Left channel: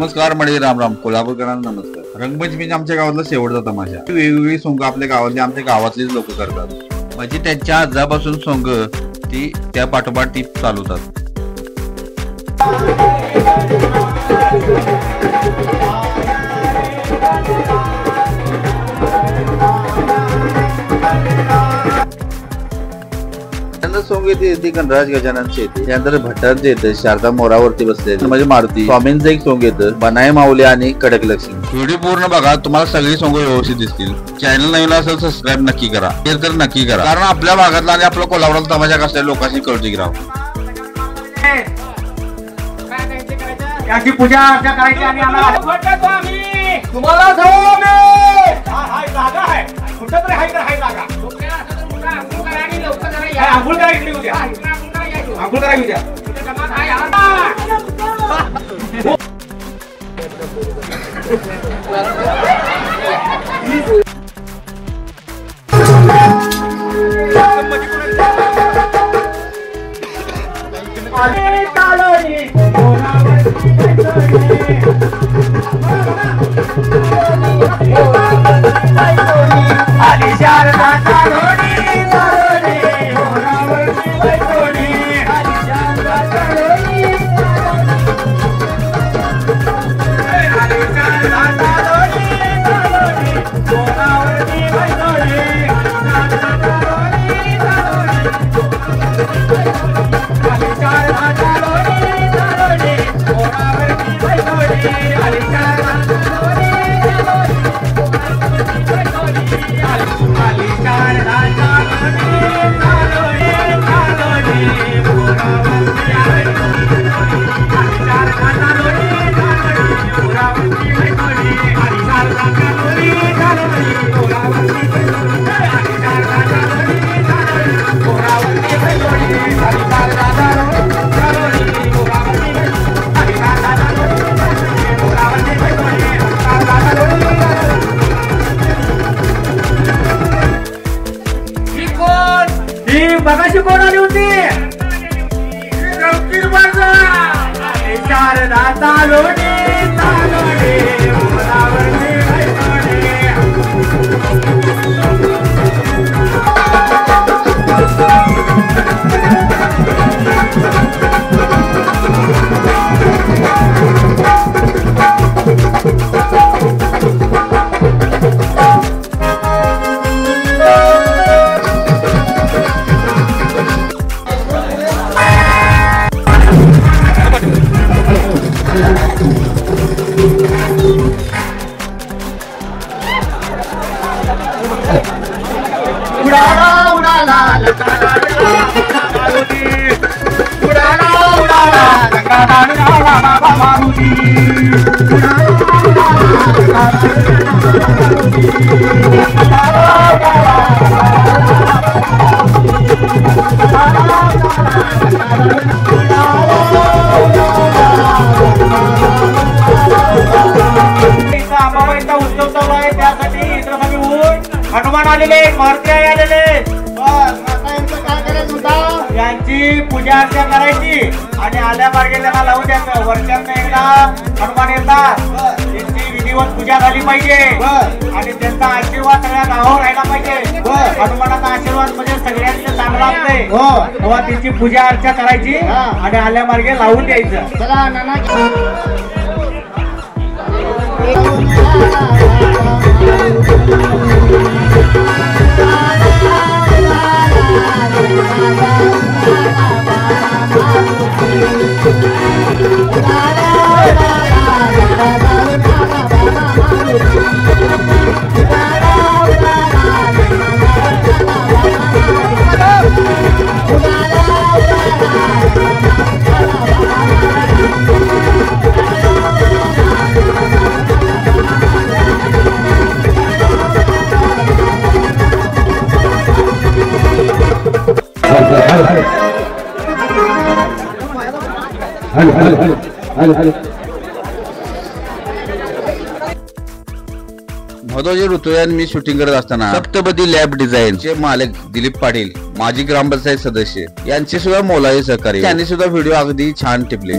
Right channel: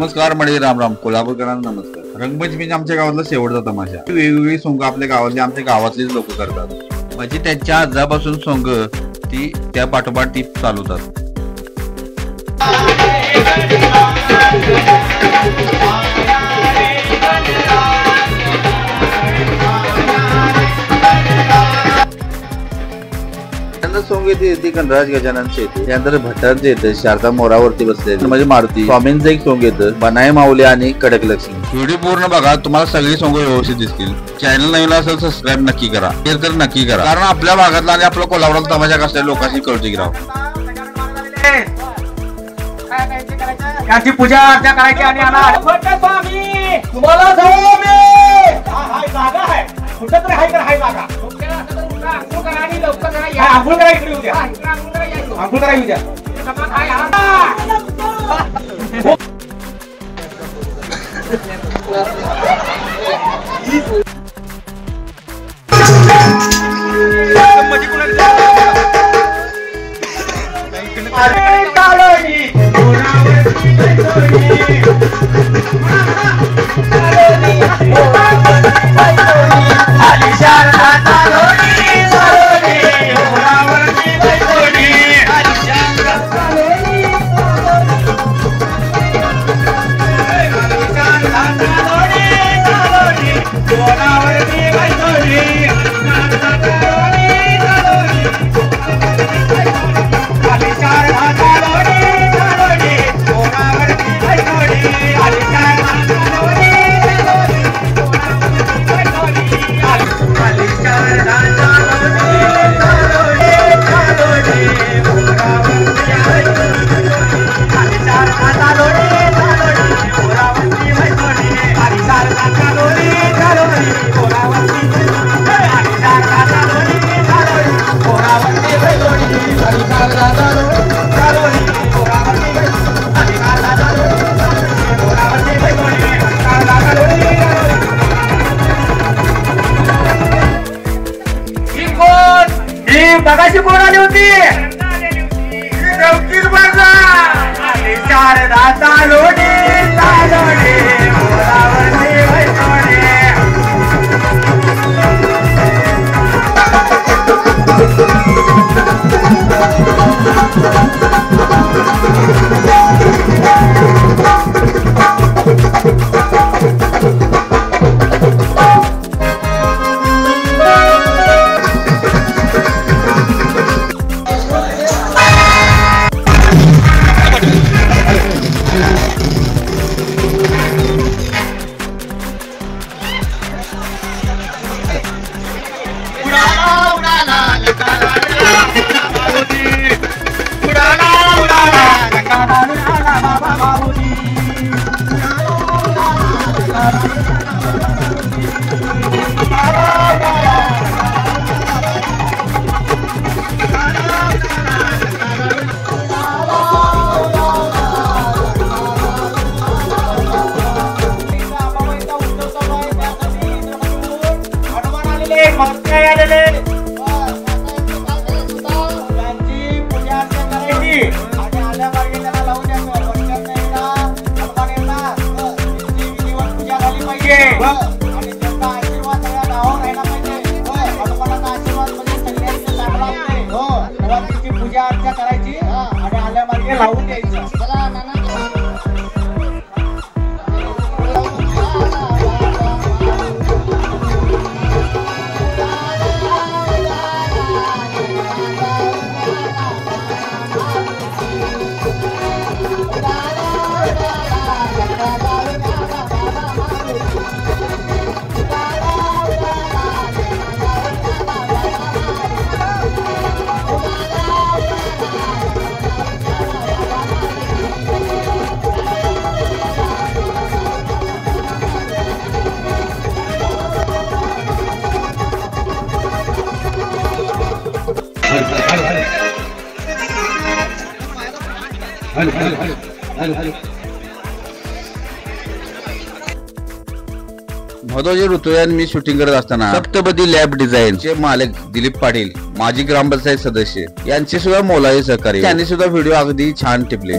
नमस्कार मंडळी, राम राम. कोल्हापूरकरांना नमस्कार. रंगपंचमी आमच्या गावातला शेवटचा तमाशा. वेगवेगळी सोंग आपल्या गावातली आमच्या गावातलीच लोक करतात. म्हणजे त्यांच्या आजापासून सोंग ती त्या पाठोपाठ ती चालवतात. सोंग येते ती गणराज गजाननचे येते, त्यानंतर भट्टांचे येते, शारदा मोरावरती बसलेले म्हणजे मारुती. स्वामींचं एक सोंग येतं, बनाई माऊली आणि कडक लक्ष्मी. व्हिडिओ पूर्ण बघा, तुम्हाला सगळी सोंग व्यवस्थित दिसतील. चॅनल नवीन असेल सबस्क्राईब नक्की करा, शेअर तर नक्की करा, कारण आपल्या भागातला आणि आपल्या कोल्हापुरात तमाशा कसल्या लोकांशी कळते की राव. त्याची पूजा अर्चा करायची आणि तुम्हाला जागा आहे कुठं तरी हाय जागा. आंघोळ करायची उद्या, आंघोळ करायची उद्या. बघाशी कोण आली होती? गवकीर बाजा शारदा चालोडी चालोडी हनुमान आलेले, मारुती आलेले. यांची पूजा अर्चा करायची आणि आल्या मार्गे त्यांना लावून द्यायचं. वर्षात एकदा हनुमान येतात, त्यांची विधिवत पूजा झाली पाहिजे आणि त्यांचा आशीर्वाद सगळ्या गावावर राहिला पाहिजे. हनुमानाचा आशीर्वाद म्हणजे सगळ्यांचे चांगला असते. तेव्हा त्यांची पूजा अर्चा करायची आणि आल्या मार्गे लावून द्यायचं. महत्वाचे ऋतुयान मी शूटिंग करत असताना सप्तपदी लॅब डिझाईन चे मालक दिलीप पाटील, माजी ग्रामपंचायत सदस्य यांचे सुद्धा मोलाचे सहकार्य. त्यांनी सुद्धा व्हिडिओ अगदी छान टिपले.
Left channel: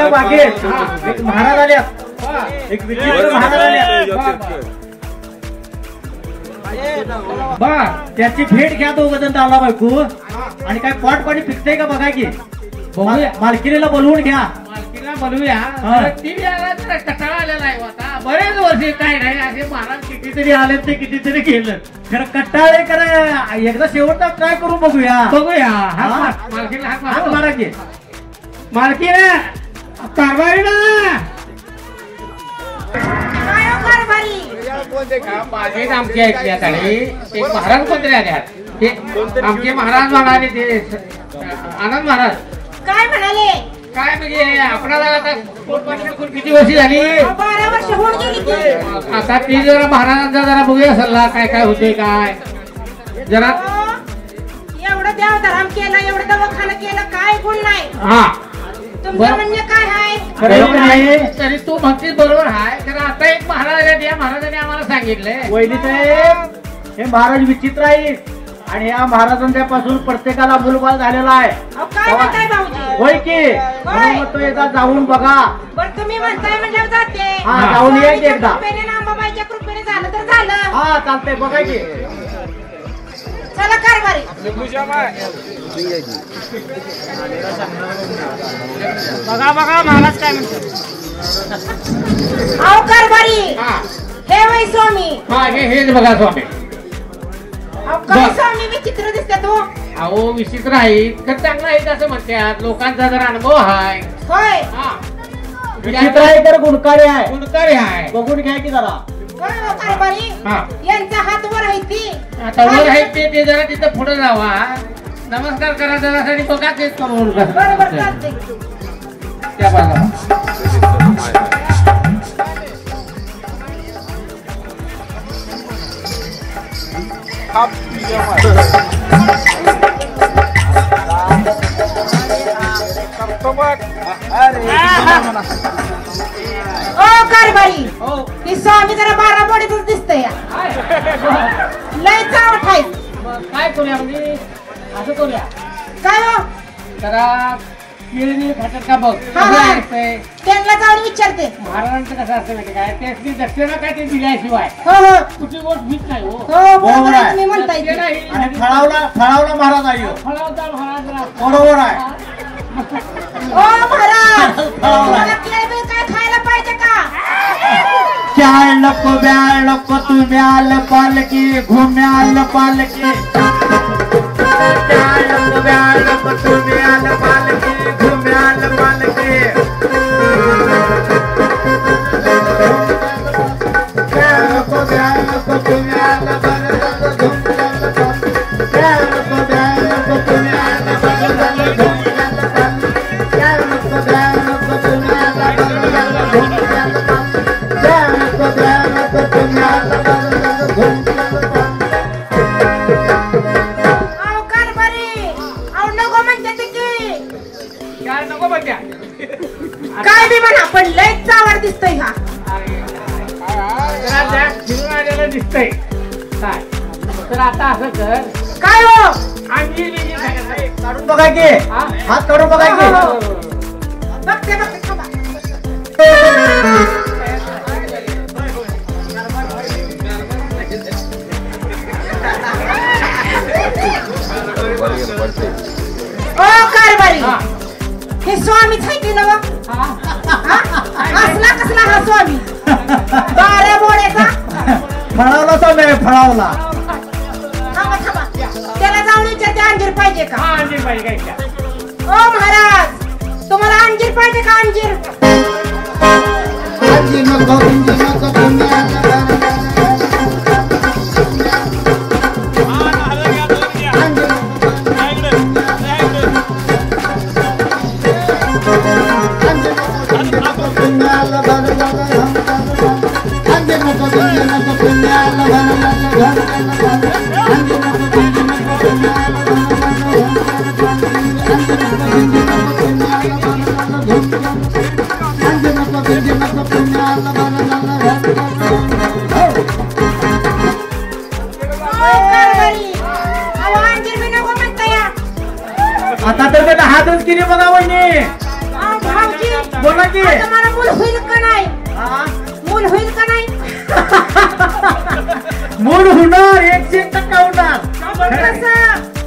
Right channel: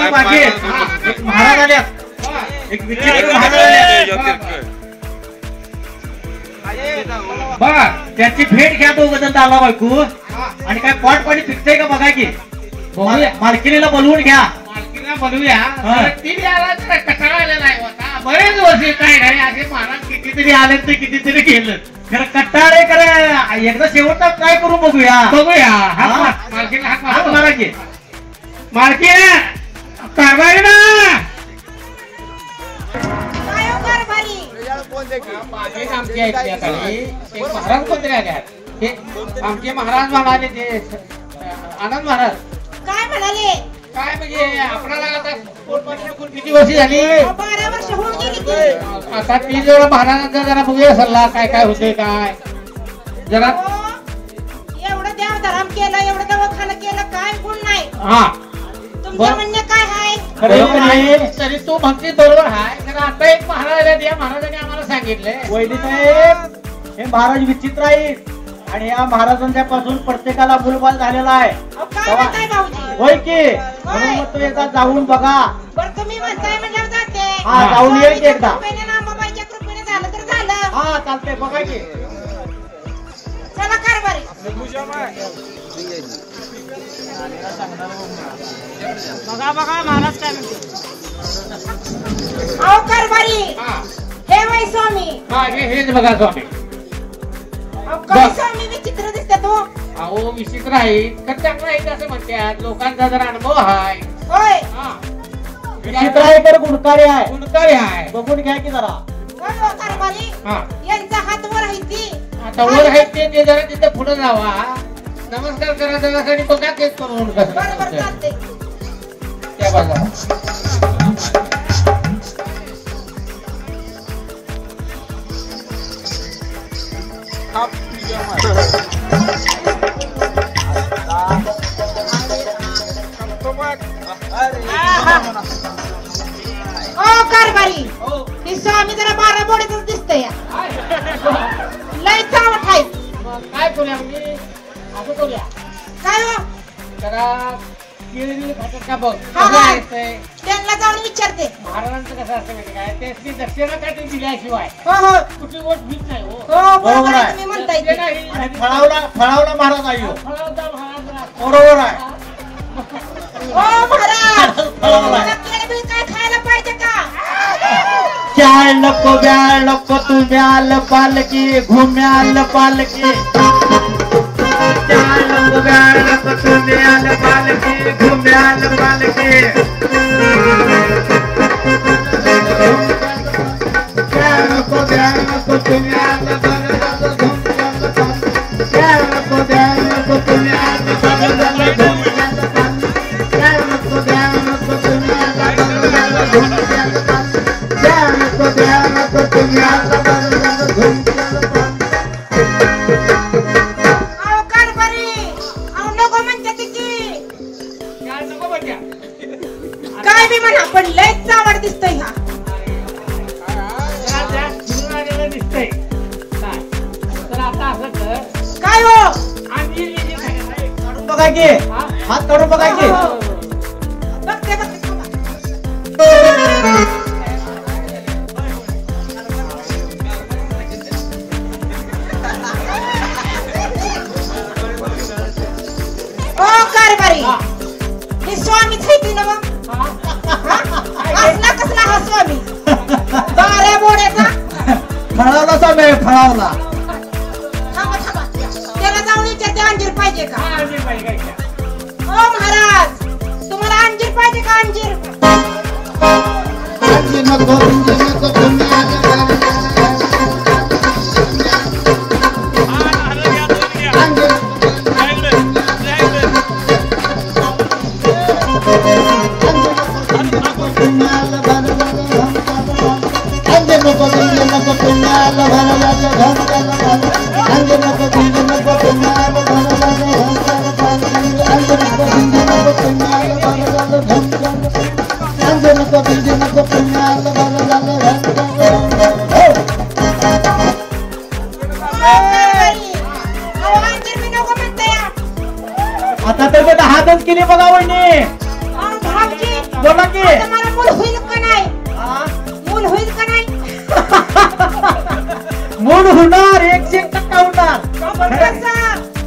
इथं बाकी आहेत. एक महाराज आले, एक विचित्र महाराज आले. बर त्याची भेट घ्या दोघ जण आला बायको आणि काय पॉट पाणी पिकतंय का बघा की बघूया. मालकिनीला बोलवून घ्या. मालकीला बोलूया. ती याला कटाळायला नाही होता. बरेच वर्षे काय नाही असे महाराज कितीतरी आले ते कितीतरी गेलं. खरं कट्टाळे करा एकदा शेवटचा काय करू बघूया. बघूया. हा? मालकीला हाक हात मारा. मारा की. मालकी कारभारी ना माझे आमच्या ऐकण्याकडे ते महाराज कोणतरी आले आहेत. ते आमचे महाराज म्हणाले ते आनंद महाराज काय म्हणाले? काय म्हणजे आपणाला आता किती वर्षी झाली 12 वर्ष होऊन गेली ती. आता ती जरा महाराजांचा जरा बघूया सल्ला काय काय होते काय जरा. एवढं देवधर्म केलं, एवढं दवाखाना केलं, काय गुण नाही. हा तुमचं म्हणणं काय आहे? बरोबर आहे. तरी तू म्हणते बरोबर आहे. तर आता एक महाराज आहेत, या महाराजांनी आम्हाला सांगितलंय वैदी साहेब हे महाराज विचित्र आहे आणि या महाराजांच्या पासून प्रत्येकाला मुलबाळ झालेला आहे. अहो, काय म्हणताय भाऊजी? होय की म्हणून तो एकदा जाऊन बघा. बरं तुम्ही म्हणताय म्हणजे जाते. हा, जाऊन ये की एकदा. कृपेने ना अंबाबाईच्या कृपेने झालं तर झालं. हा चालतंय बघा की. चला कारभारी. बघा बघा महाराज काय म्हणतो. अहो कारभारी हा हे वै स्वामी. हा हेच बघा स्वामी. अहो काय स्वामी विचित्र दिसतात हो. अहो विचित्र आहे तर चांगलं आहे असं म्हणतात. लोकांचा जरा अनुभव आहे. होय हा विचित्र आहे तर गुणकारी आहे. गुणकारी आहे. बघून घ्या की जरा. होय हो कारभारी. हा यांचा हात वर आहे ती. आता वर आहे ते जरा तिथं पुढे जावा. नमस्कार करा जरासाठी बघा तेच करून बरोबर चालतंय. त्या बाजूला. ओ कारभारी ही स्वामी जरा 12 बोडीतच दिसतंय. लय चावट आहे. काय करूया म्हणजे असं करूया काय हो? जरा केळी खातात का बघ. हा, कसं हा. आहे? त्यांना जाऊन विचारते. महाराजांचं कसं असतं माहिती काय त्याची दक्षिणा काय ते दिल्याशिवाय हो हो कुठली गोष्ट भीत नाही हो. हो बरोबर आहे. तुम्ही म्हणताय ते की. नाही. आणि फळावला महाराज आहे ह्यो. फळावता महाराज. बरोबर आहे. ओ महाराज मला केळी काय खायला पाहिजे का? चाळ नको ब्याळ नको तू ब्याल पालकी घुम्याल पालकी. चाळ नको ब्याळ नको तू ब्याल पालकी घुम्याल पालकी. चाळ नको ब्याळ नको तू ब्याल पालकी. चाळ नको ब्याळ नको तू ब्याल पालकी. चाळ नको ब्याळ नको तू ब्याल पालकी. अहो कारभारी अहो नको म्हणते ती की. काय नको बघ्या. काय बी म्हणा पण लय चावट दिसतोय हा. जरा जरा फिरून आलेलं दिसतंय. काय तर आता असं कर काय हो? अंजीर बिंजीर खायला नाही. काढून बघा की. हात काढून बघा की. बघते बघते थांबा. ओ कारभारी हे स्वामीच आहे की नवा? असला कसला हा स्वामी 12 बोड्याचा. फळावला समय फळावला. थांबा थांबा त्याला जाऊन विचारते अंजीर पाहिजे का? हा अंजीर पाहिजे काय का? ओ महाराज तुम्हाला अंजीर पाहिजे का? अंजीर आता तर ते हातच केली बघा वहिनी. भाऊजी बोला बोला की आता मला मूल होईल का नाही? मूल होईल का नाही? मूड होणार 100% होणार. कसं?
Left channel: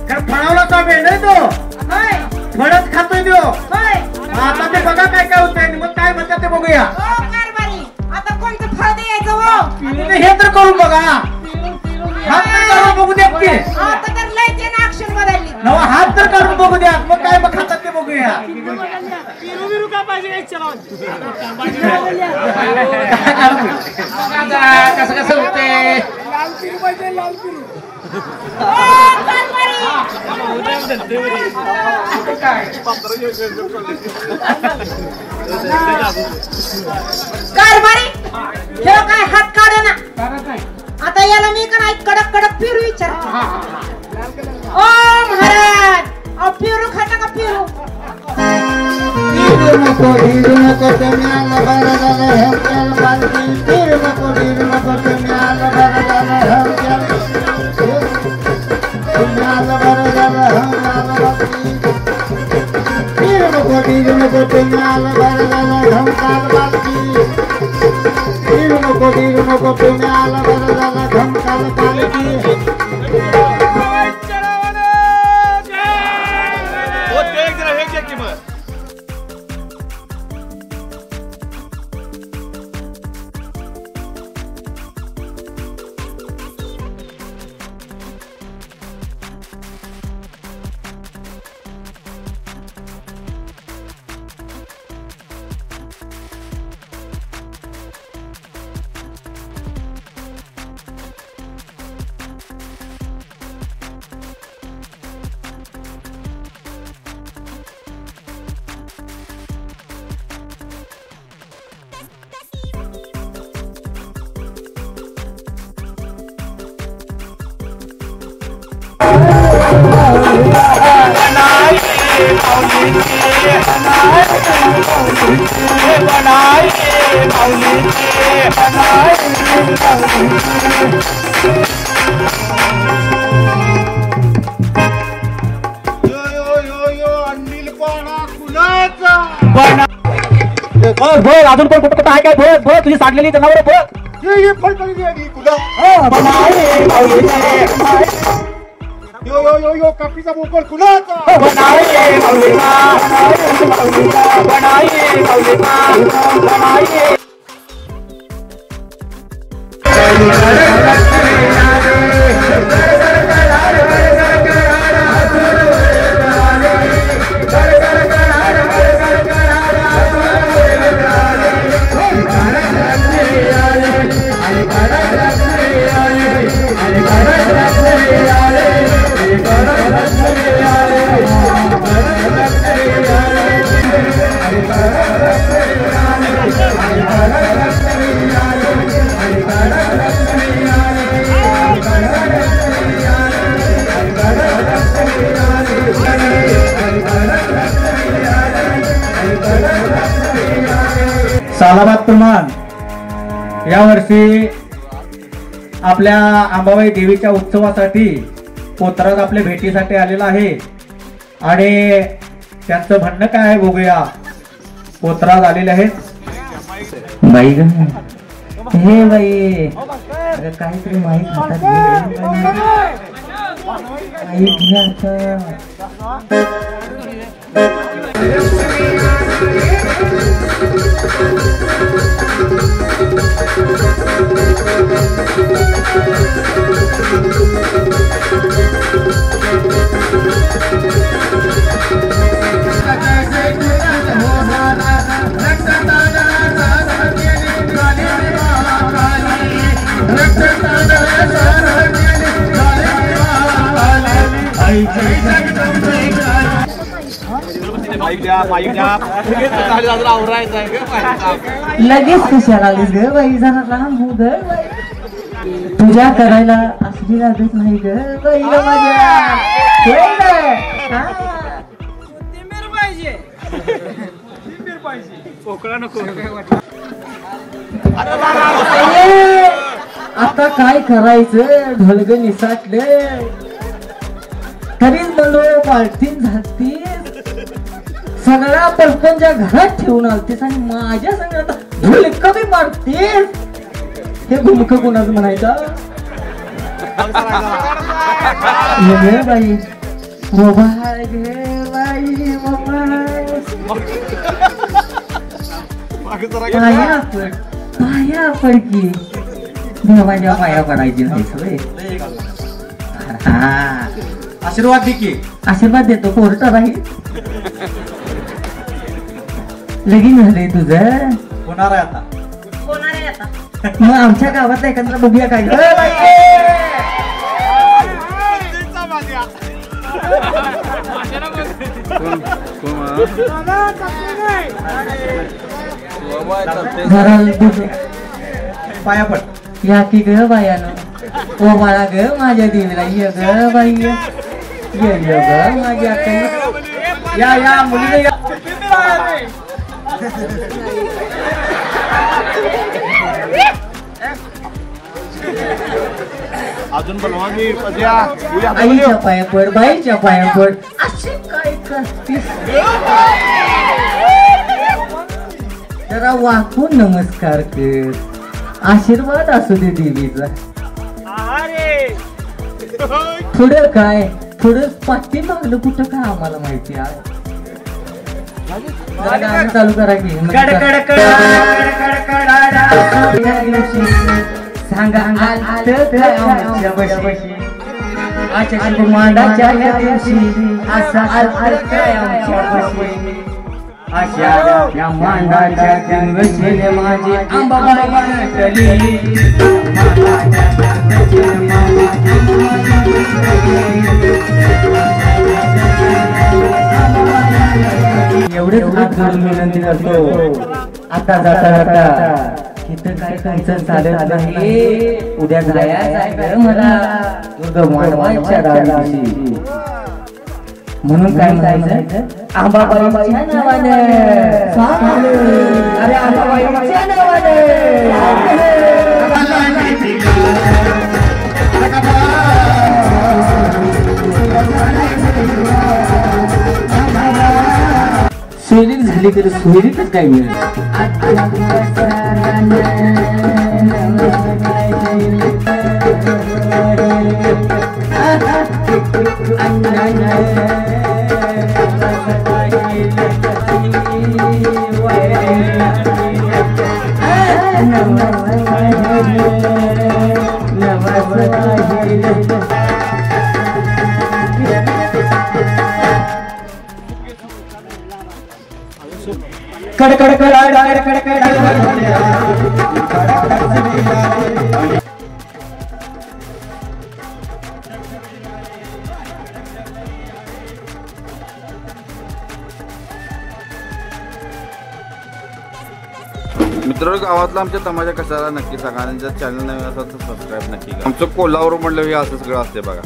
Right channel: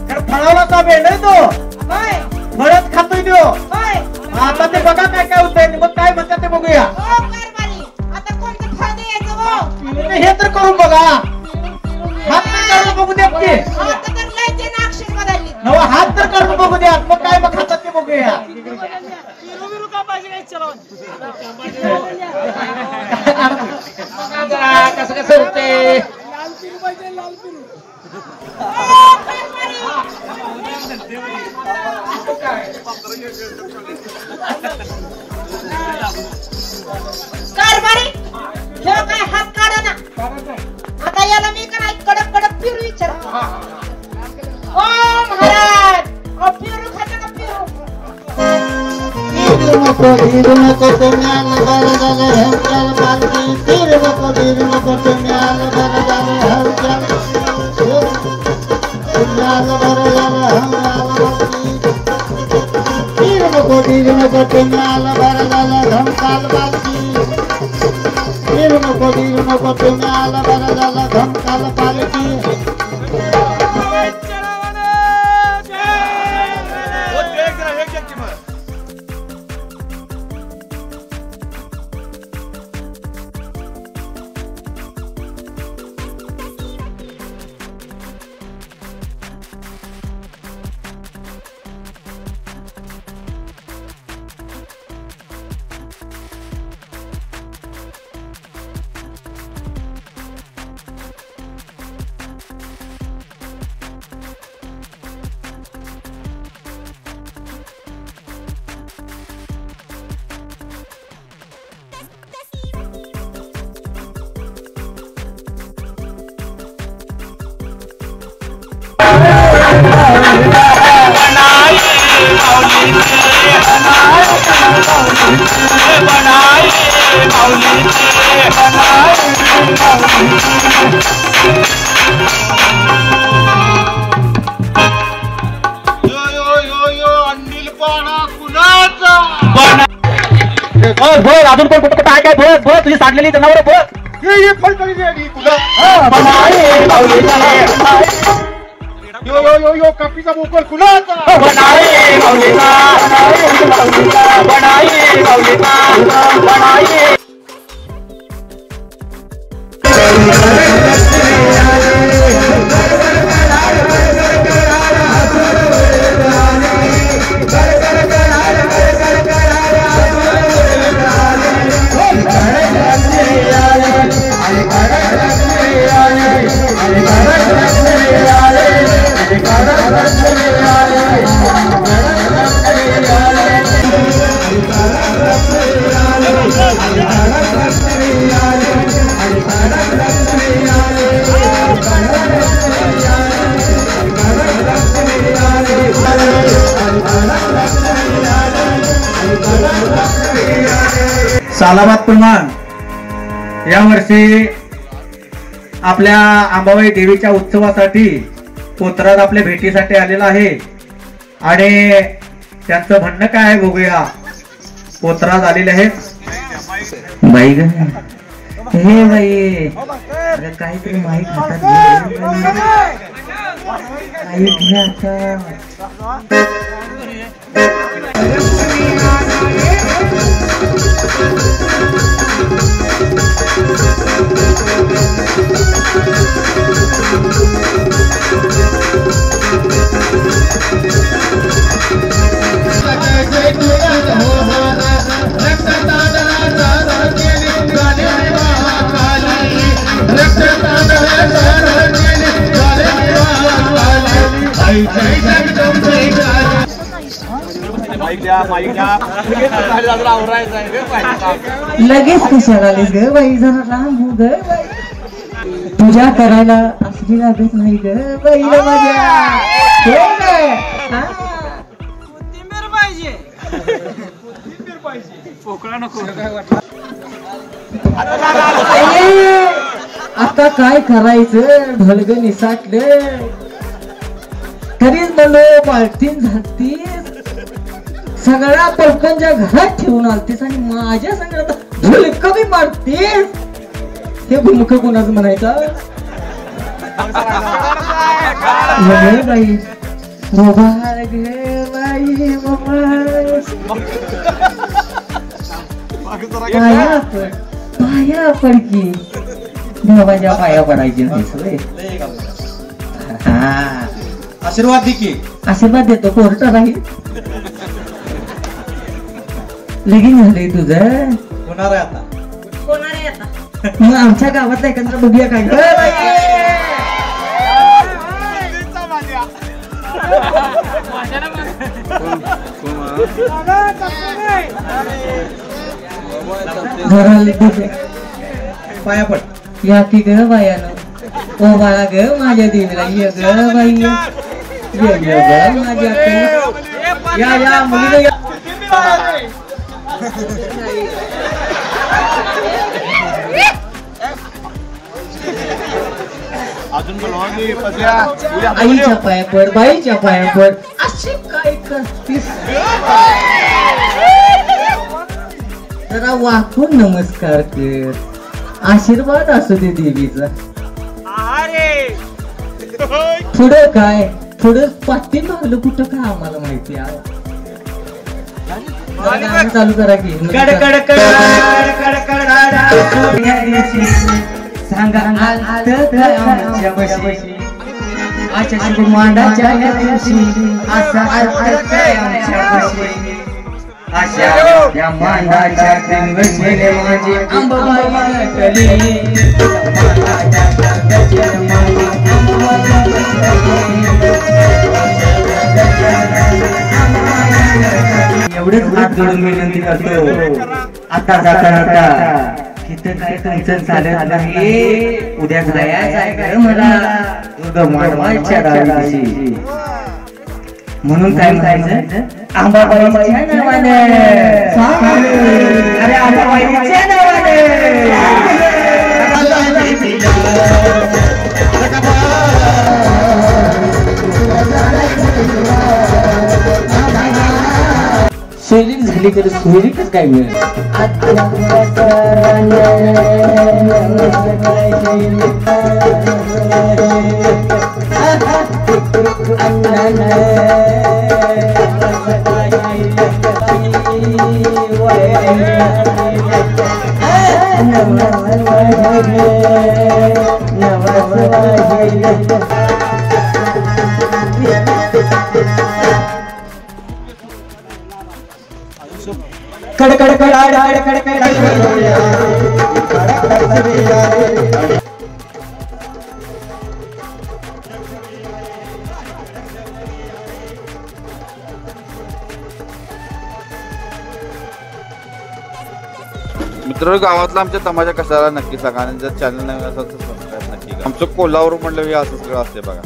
कारण फळावला का वेळ नाही तो होय, फळच खातोय तो. होय. आता ते बघा काय काय होतंय मग काय म्हणतात ते बघूया. हो कारभारी, आता कोणतं फळ द्यायचं हो? तुम्ही हे तर करून बघा. हात तर काढून बघू द्या की. आता तर लय त्यानं अक्षर बदलली. नवा हात तर काढून बघू द्या मग काय मग खातात ते बघूया. कसं कसं होते कारभारी, ह्यो काय हात काढ ना. आता याला मी का नाही कडक कडक पिरू विचार. ओ महाराज, अहो पिरू खाता का पिरू? धीरू नको तुम्हाला बरं झालं हलचाल पालखी. धीरू नको तुम्हाला बरं झालं हलचाल. तुम्हाला बरं झालं हलचाल पालखी. धीरू नको तुम्हाला बरं झालं हलचाल पालखी. धीरू नको तुम्हाला बरं झालं हलचाल पालखी. अजून कोण कुठं आहे काय भोग भोग तुझी साडलेली जनावर भोग यो कापीचा बोकड कुणाचा सालाबाद पुन्हा यावर्षी आपल्या अंबाबाई देवीच्या उत्सवासाठी पोतराज आपल्या भेटीसाठी आलेला आहे आणि त्यांचं म्हणणं काय आहे बघूया. पोतराज आलेले आहेत. बाई ग हे बाई काहीतरी माहीत लगेच कशाला आलीस ग बाई. जरा राम हो ग पूजा करायला असली लागत नाही ग बाईला आता काय करायचं. ढोलग निसाटले तरीच म्हणलो पालखीन झाकतीस सगळ्या पलकांच्या घरात ठेवून आलतेस आणि माझ्या सगळ्या झुलक बी मारतेस. हे गुमख कोणाचं म्हणायचं? बाई मोबाईल घे बाई मोबाईल. पाया पड की देवाच्या पाया पडायची नाही. आशीर्वाद दे की. आशीर्वाद देतो कोर्ट राहील. लगीन झालंय तुझं? होणार आहे आता. होणार आहे आता. मग आमच्या गावातला एखादा बघूया काय? पाया पड. या की ग बायानो ओ बाळा ग माझ्या देवीला ये ग बाई ये ग माझ्या अक्काला. या मुलीला या. अजून बोलवानी पद्या. आईच्या पाया पड बाईच्या पाया पड. अशी काय करतीस? जरा वाकून नमस्कार कर. आशीर्वाद असू दे देवीचा. पुढं काय पुढं पाठी मागलं कुठं काय आम्हाला माहिती आहे. गाणं चालू करा की. सांगा आमच्या मांडाच्या या दिवशी असा अर्थ आमच्या अशा या मांडाच्या दिवशी माझी एवढंच हात जोडून विनंती करतो. आता जाता तिथं काय तुमचं चालत नाही. उद्या जायचं आहे मला दुर्गमाच्या गावी. म्हणून काय म्हणायचं? आंबाबाईच्या नावाने. अरे आंबाबाईच्या नावाने. सोयरीक झाली तर सोयरीकच काय मिळेल. मित्रांनो, गावातला आमच्या तमाशा कशाला नक्की सांगा आणि जर चॅनल नवीन असेल तर सबस्क्राईब नक्की करा. आमचं कोल्हापूर म्हणलं हे असं सगळं असते बघा.